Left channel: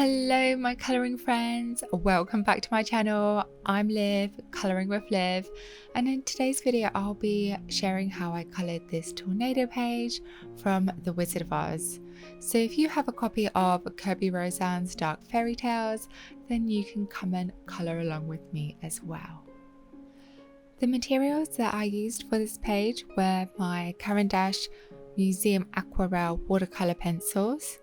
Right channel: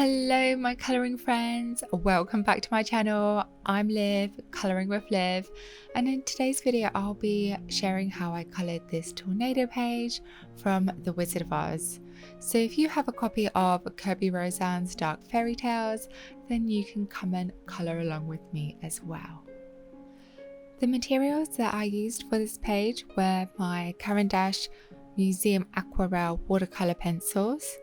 Hello my colouring friends, welcome back to my channel. I'm Liv, Colouring with Liv, and in today's video I'll be sharing how I coloured this tornado page from The Wizard of Oz. So if you have a copy of Kerby Rosanes' Dark Fairytales, then you can come and colour along with me as well. The materials that I used for this page were my Caran Museum Aquarelle Watercolour Pencils,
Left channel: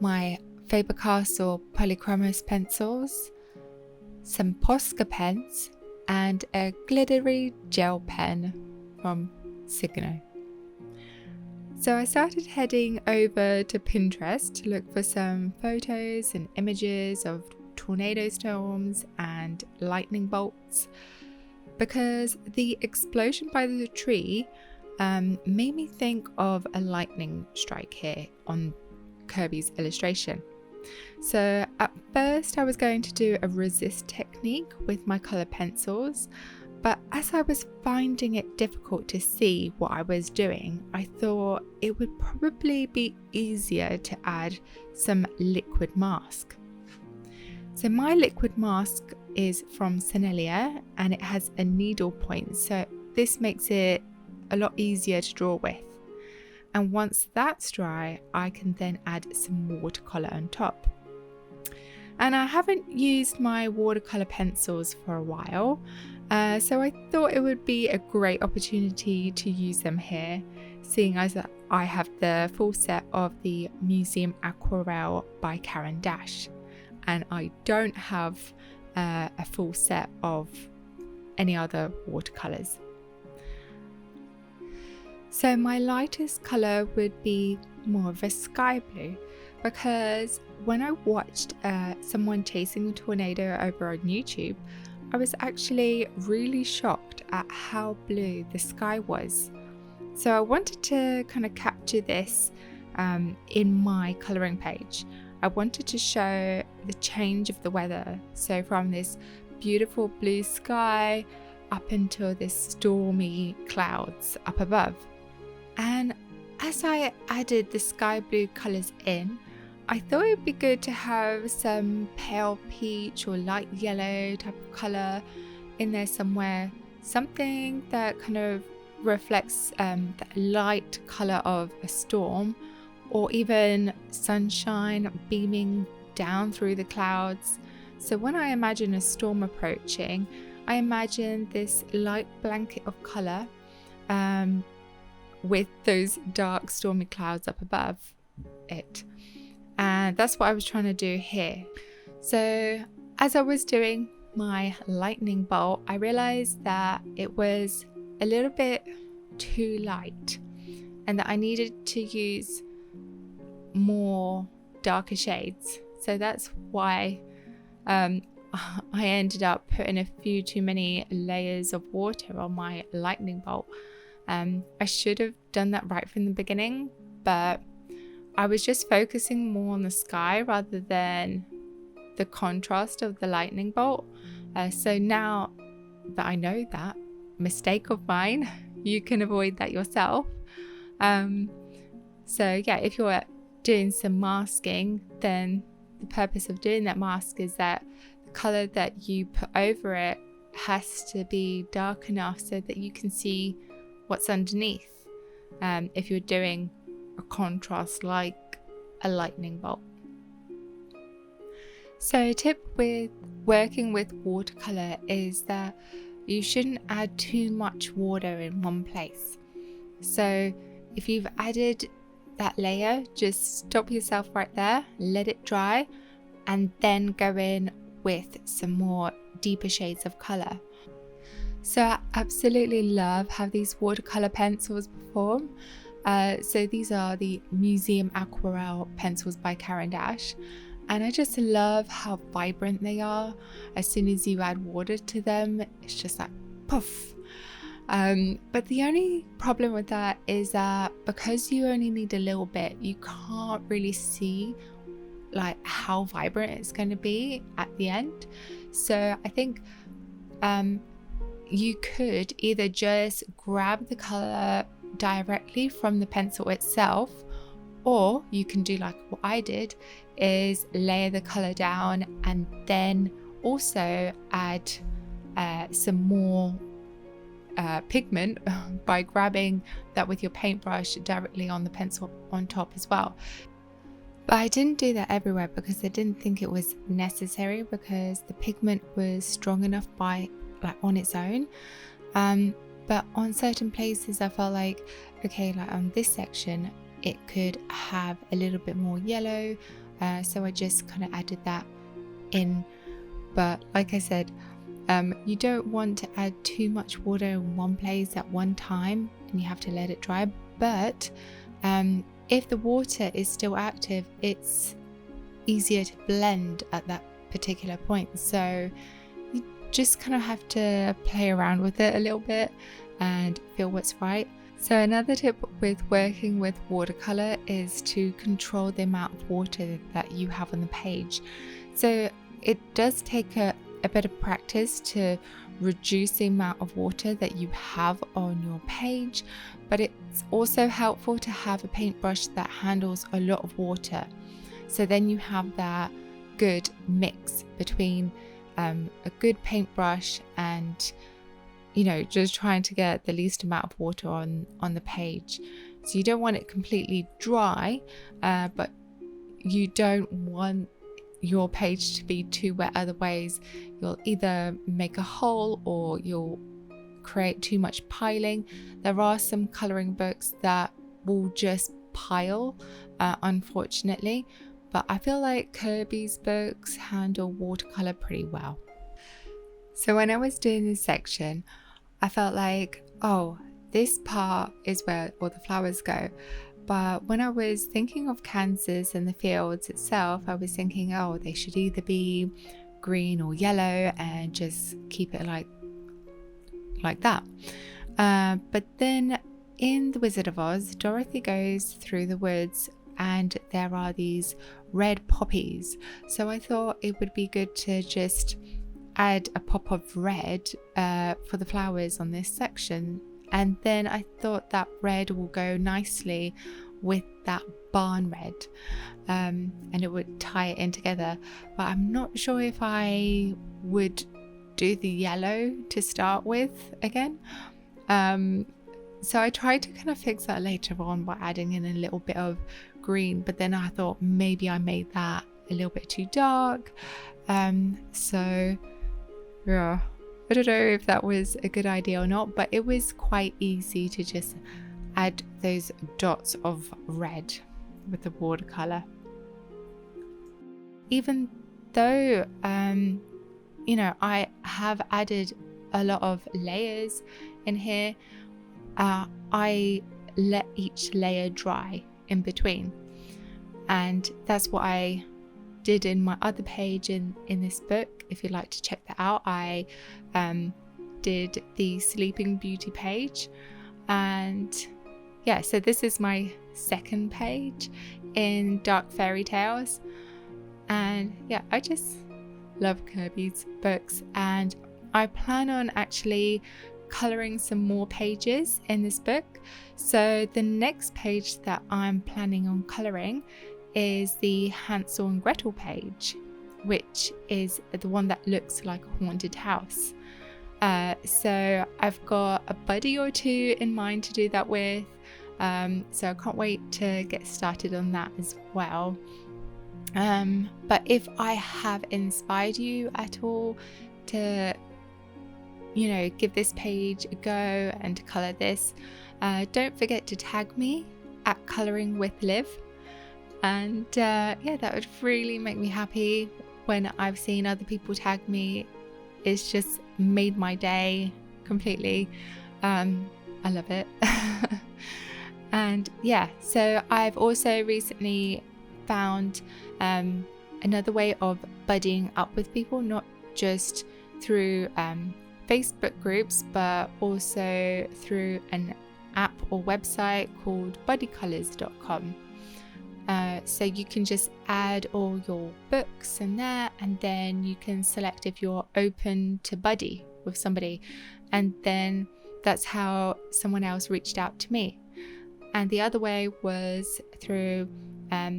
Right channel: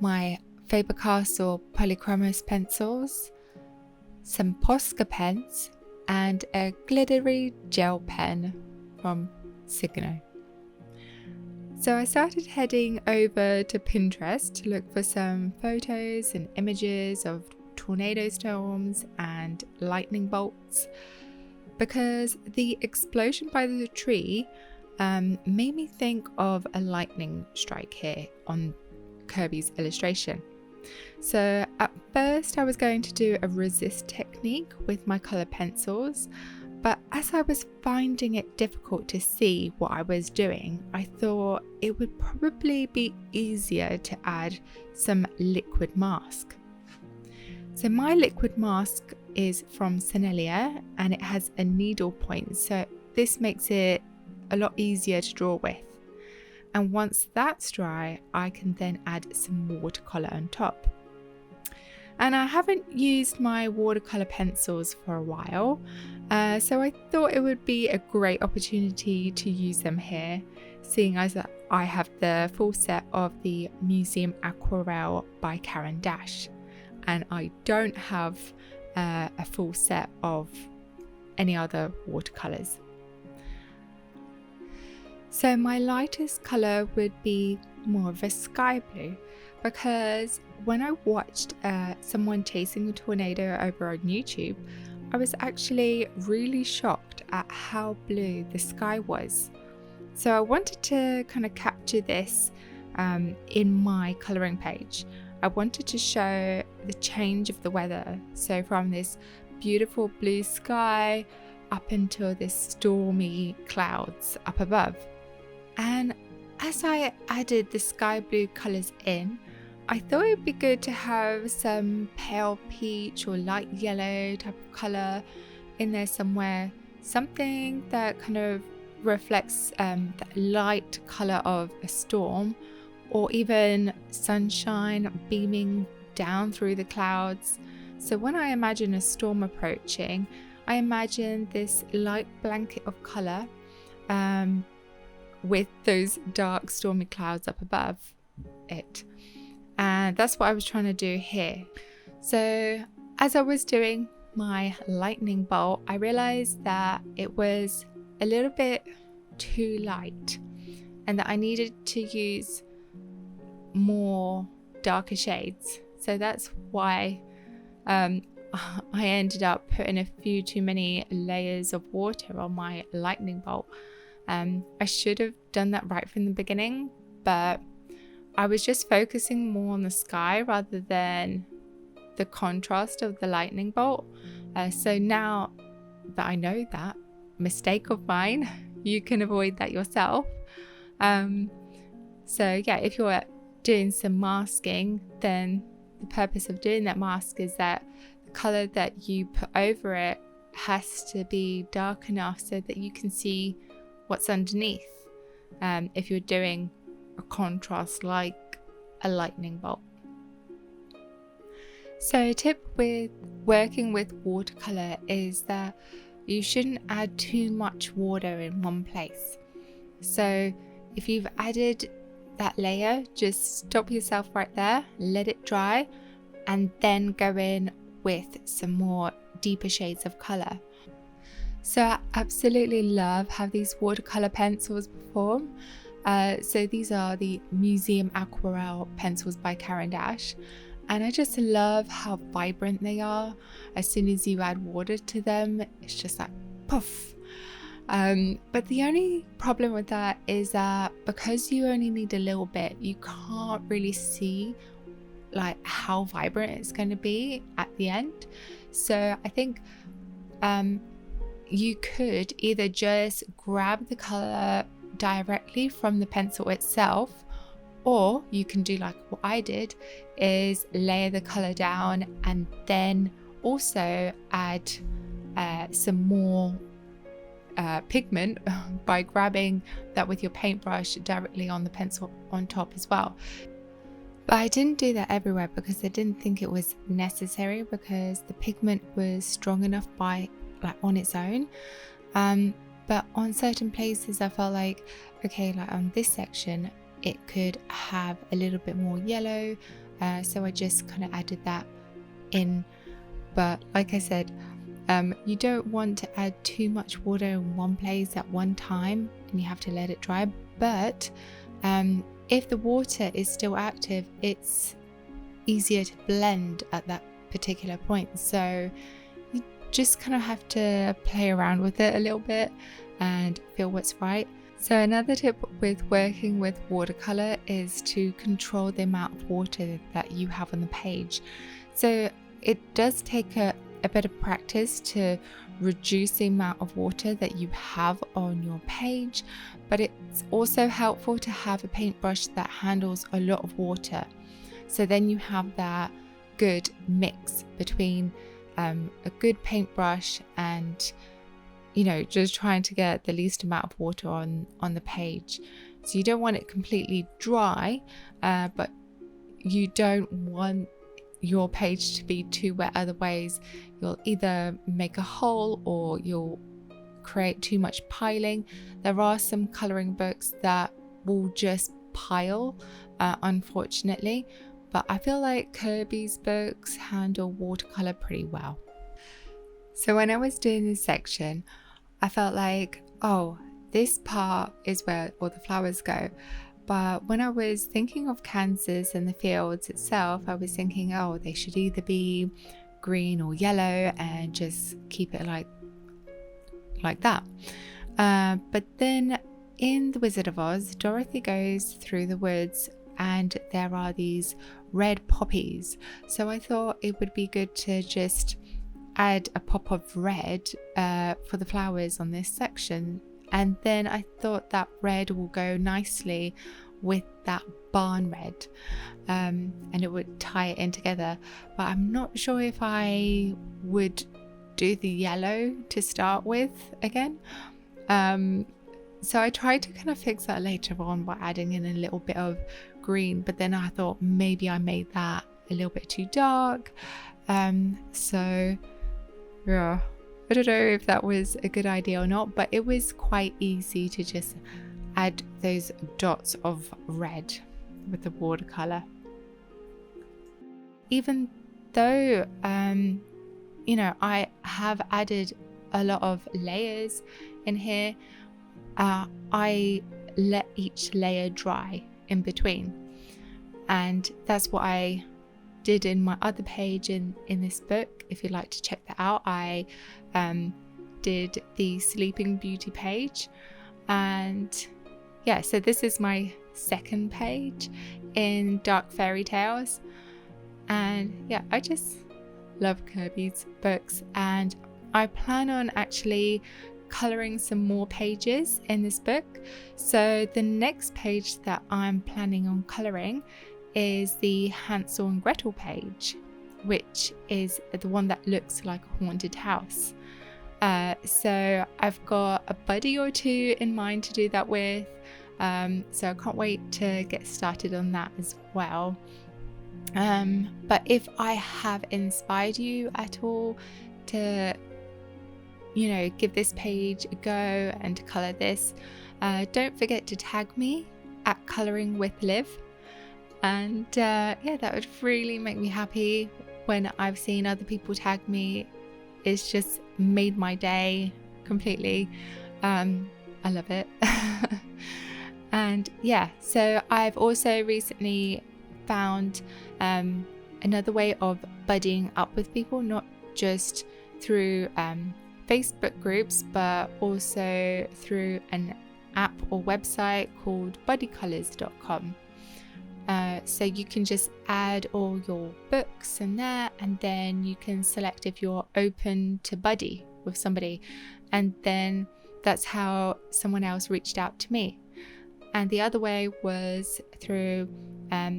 my Faber Castell Polychromos pencils, some Posca pens, and a glittery gel pen from Signo. So I started heading over to Pinterest to look for some photos and images of tornado storms and lightning bolts, because the explosion by the tree made me think of a lightning strike here on Kerby's illustration. So at first I was going to do a resist technique with my colour pencils, but as I was finding it difficult to see what I was doing, I thought it would probably be easier to add some liquid mask. So my liquid mask is from Sennelier and it has a needle point, so this makes it a lot easier to draw with. And once that's dry, I can then add some watercolour on top. And I haven't used my watercolour pencils for a while, so I thought it would be a great opportunity to use them here, seeing as I have the full set of the Museum Aquarelle by Caran, and I don't have a full set of any other watercolours. So my lightest colour would be more of a sky blue, because when I watched someone chasing a tornado over on YouTube, I was actually really shocked at how blue the sky was. So I wanted to kind of capture this in my colouring page. I wanted to show the change of the weather, so from this beautiful blue sky up until this stormy clouds up above. And as I added the sky blue colours in, I thought it would be good to have some pale peach or light yellow type of colour in there somewhere. Something that kind of reflects the light colour of a storm, or even sunshine beaming down through the clouds. So when I imagine a storm approaching, I imagine this light blanket of colour with those dark stormy clouds up above it. And that's what I was trying to do here. So as I was doing my lightning bolt, I realized that it was a little bit too light and that I needed to use more darker shades. So that's why I ended up putting a few too many layers of water on my lightning bolt. I should have done that right from the beginning, but I was just focusing more on the sky rather than the contrast of the lightning bolt. So now that I know that mistake of mine, you can avoid that yourself. So yeah, if you're doing some masking, then the purpose of doing that mask is that the colour that you put over it has to be dark enough so that you can see what's underneath, if you're doing a contrast like a lightning bolt. So a tip with working with watercolour is that you shouldn't add too much water in one place. So if you've added that layer, just stop yourself right there, let it dry, and then go in with some more deeper shades of colour. So I absolutely love how these watercolour pencils perform. So these are the Museum Aquarelle pencils by Caran, and I just love how vibrant they are. As soon as you add water to them, it's just like poof. But the only problem with that is that because you only need a little bit, you can't really see like how vibrant it's going to be at the end. So I think you could either just grab the colour directly from the pencil itself, Or you can do like what I did, is layer the color down and then also add some more pigment by grabbing that with your paintbrush directly on the pencil on top as well. But I didn't do that everywhere because I didn't think it was necessary, because the pigment was strong enough by like on its own. But on certain places I felt like, okay, like on this section it could have a little bit more yellow, so I just kind of added that in. But like I said, you don't want to add too much water in one place at one time, and you have to let it dry. But if the water is still active, it's easier to blend at that particular point. So you just kind of have to play around with it a little bit and feel what's right. So another tip with working with watercolor is to control the amount of water that you have on the page. So it does take a bit of practice to reduce the amount of water that you have on your page, but it's also helpful to have a paintbrush that handles a lot of water. So then you have that good mix between a good paintbrush and, you know, just trying to get the least amount of water on the page. So you don't want it completely dry, but you don't want your page to be too wet. Otherwise you'll either make a hole or you'll create too much piling. There are some coloring books that will just pile, unfortunately, but I feel like Kerby's books handle watercolor pretty well. So when I was doing this section, I felt like, oh, this part is where all the flowers go. But when I was thinking of Kansas and the fields itself, I was thinking, oh, they should either be green or yellow, and just keep it like that. But then in The Wizard of Oz, Dorothy goes through the woods and there are these red poppies. So I thought it would be good to just add a pop of red for the flowers on this section. And then I thought that red will go nicely with that barn red, and it would tie it in together. But I'm not sure if I would do the yellow to start with again. So I tried to kind of fix that later on by adding in a little bit of green, but then I thought maybe I made that a little bit too dark. So yeah, I don't know if that was a good idea or not, but it was quite easy to just add those dots of red with the watercolor. Even though, you know, I have added a lot of layers in here, I let each layer dry in between. And that's what I did in my other page in this book. If you'd like to check that out, I did the Sleeping Beauty page. And yeah, so this is my second page in Dark Fairytales. And yeah, I just love Kerby's books, and I plan on actually coloring some more pages in this book. So the next page that I'm planning on coloring is the Hansel and Gretel page, which is the one that looks like a haunted house. So I've got a buddy or two in mind to do that with, so I can't wait to get started on that as well. But if I have inspired you at all to, you know, give this page a go and to colour this, don't forget to tag me at Colouring with Liv. And yeah, that would really make me happy when I've seen other people tag me. It's just made my day completely. I love it. And yeah, so I've also recently found another way of buddying up with people, not just through Facebook groups, but also through an app or website called buddycolors.com. So you can just add all your books in there, and then you can select if you're open to buddy with somebody, and then that's how someone else reached out to me. and the other way was through a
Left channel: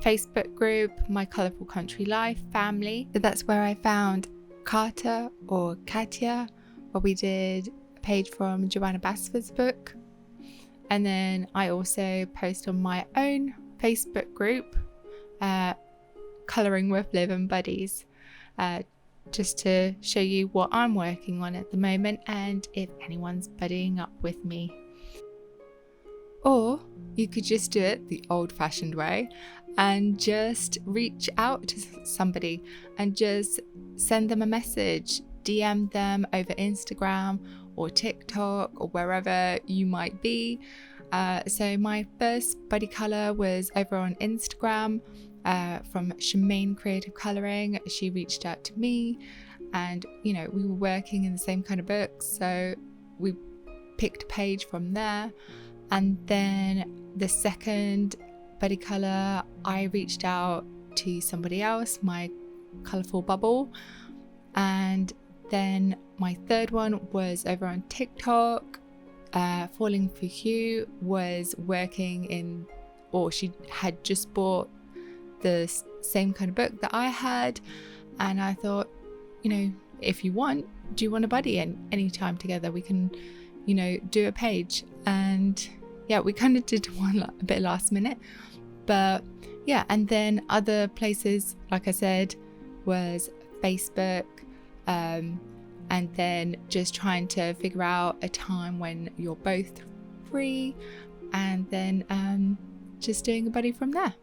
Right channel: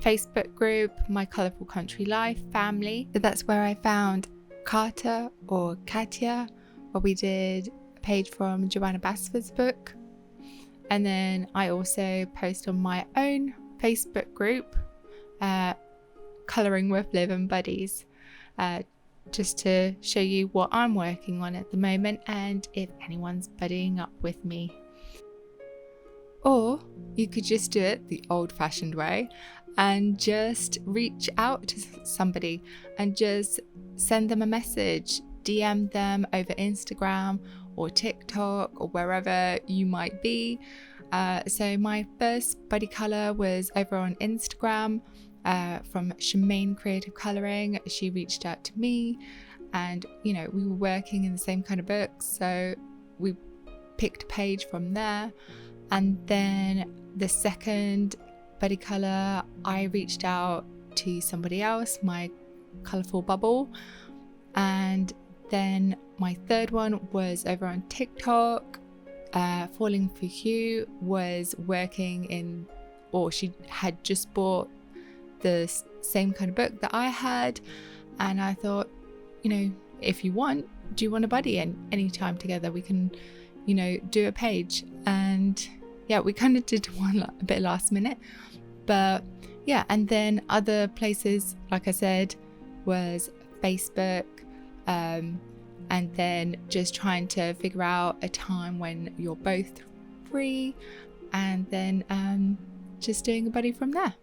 Facebook group, My Colourful Country Life family. So that's where I found Carter or Katya, where we did a page from Joanna Basford's book. And then I also post on my own Facebook group, Colouring with Liv and Buddies, just to show you what I'm working on at the moment and if anyone's buddying up with me. Or you could just do it the old-fashioned way and just reach out to somebody and just send them a message, DM them over Instagram or TikTok or wherever you might be. So my first buddy colour was over on Instagram from Shemaine Creative Colouring. She reached out to me, and you know, we were working in the same kind of books, so we picked a page from there. And then the second buddy colour, I reached out to somebody else, my Colourful Bubble. And then my third one was over on TikTok. Falling for You was working in, or she had just bought the same kind of book that I had, and I thought, you know, if you want, do you want a buddy? And anytime together we can, you know, do a page. And yeah, we kind of did one a bit last minute, but yeah. And then other places, like I said, was Facebook, and then just trying to figure out a time when you're both free, and then just doing a buddy from there.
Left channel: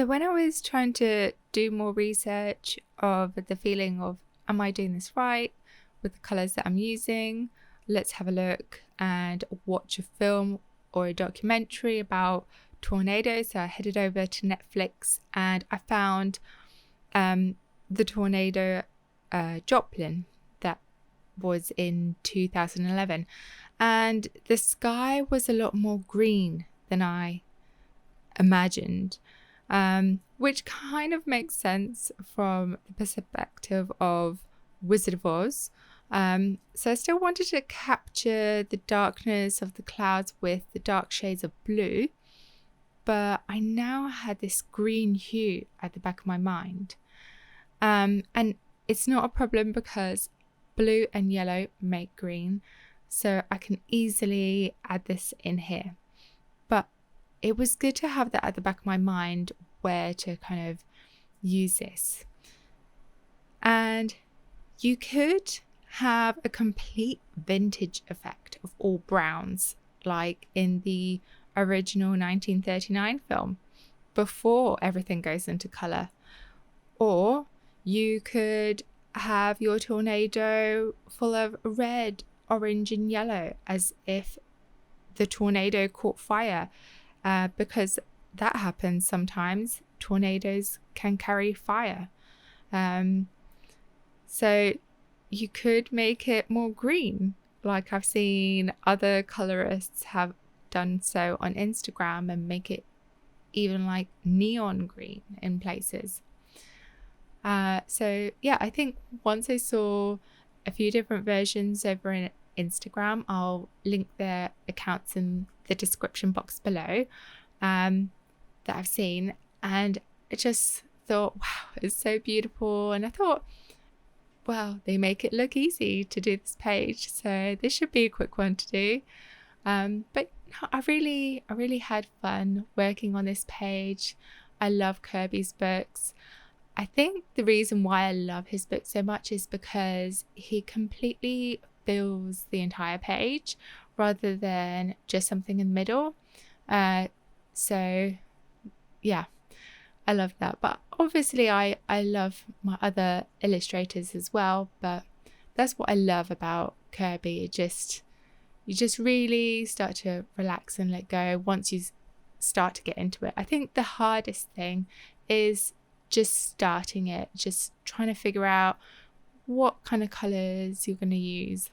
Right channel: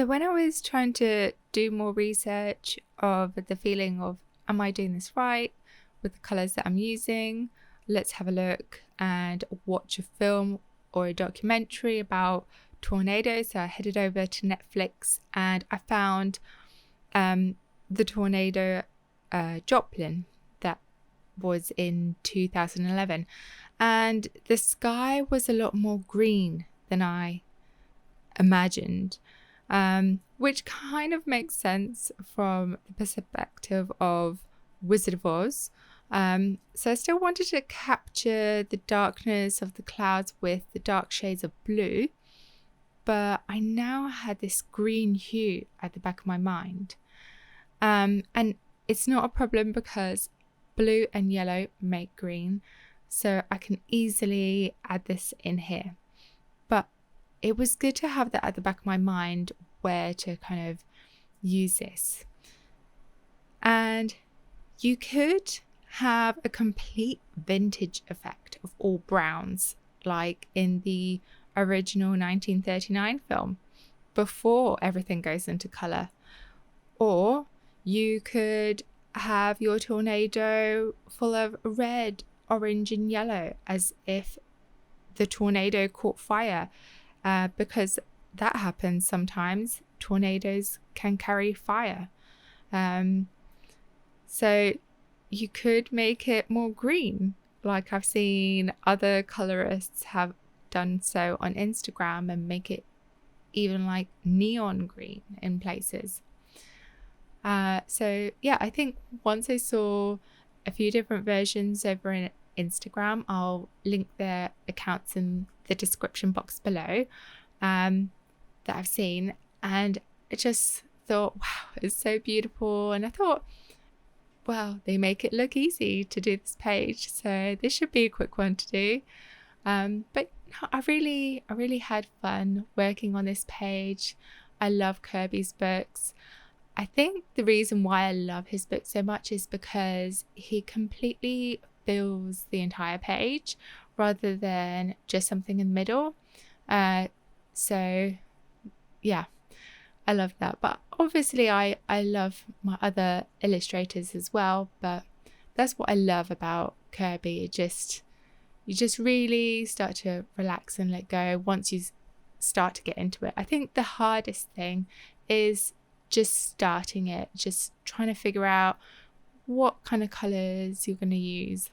So when I was trying to do more research of the feeling of, am I doing this right with the colors that I'm using? Let's have a look and watch a film or a documentary about tornadoes. So I headed over to Netflix and I found the tornado Joplin that was in 2011, and the sky was a lot more green than I imagined, which kind of makes sense from the perspective of Wizard of Oz. So I still wanted to capture the darkness of the clouds with the dark shades of blue, but I now had this green hue at the back of my mind. And it's not a problem because blue and yellow make green, so I can easily add this in here. But it was good to have that at the back of my mind where to kind of use this. And you could have a complete vintage effect of all browns, like in the original 1939 film, before everything goes into color. Or you could have your tornado full of red, orange and yellow, as if the tornado caught fire, because that happens sometimes. Tornadoes can carry fire. So you could make it more green, like I've seen other colorists have done so on Instagram, and make it even like neon green in places. So yeah, I think once I saw a few different versions over in Instagram, I'll link their accounts in the description box below, that I've seen, and I just thought, wow, it's so beautiful. And I thought, well, they make it look easy to do this page, so this should be a quick one to do. But no, I really had fun working on this page. I love Kerby's books. I think the reason why I love his book so much is because he completely fills the entire page rather than just something in the middle. So yeah, I love that. But obviously I love my other illustrators as well, but that's what I love about Kerby. You just really start to relax and let go once you start to get into it. I think the hardest thing is just starting it, just trying to figure out what kind of colors you're going to use.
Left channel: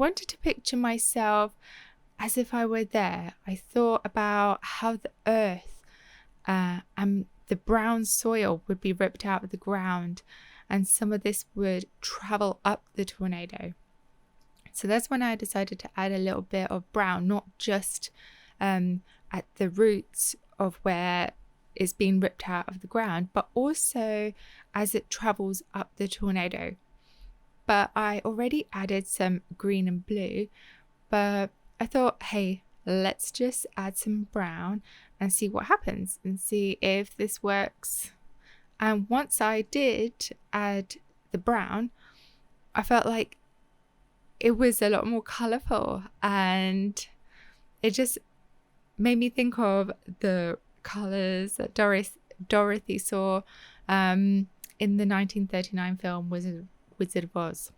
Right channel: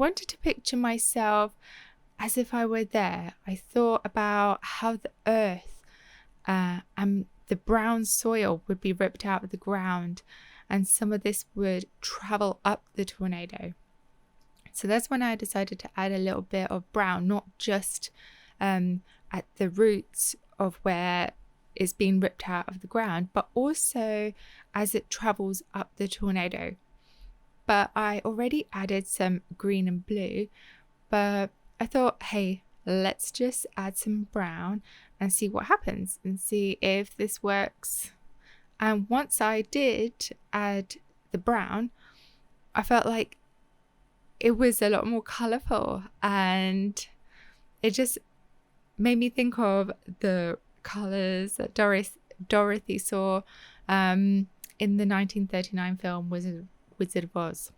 wanted to picture myself as if I were there. I thought about how the earth and the brown soil would be ripped out of the ground, and some of this would travel up the tornado. So that's when I decided to add a little bit of brown, not just at the roots of where it's being ripped out of the ground, but also as it travels up the tornado. But I already added some green and blue, but I thought, hey, let's just add some brown and see what happens and see if this works. And once I did add the brown, I felt like it was a lot more colorful, and it just made me think of the colors that Dorothy saw in the 1939 film Wizard of Oz.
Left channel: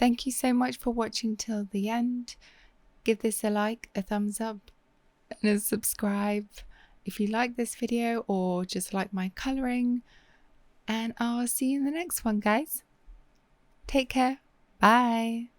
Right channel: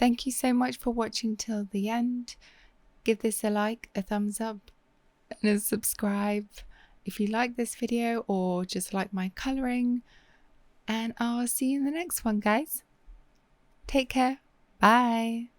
Thank you so much for watching till the end. Give this a like, a thumbs up, and a subscribe if you like this video or just like my colouring. And I'll see you in the next one, guys. Take care. Bye.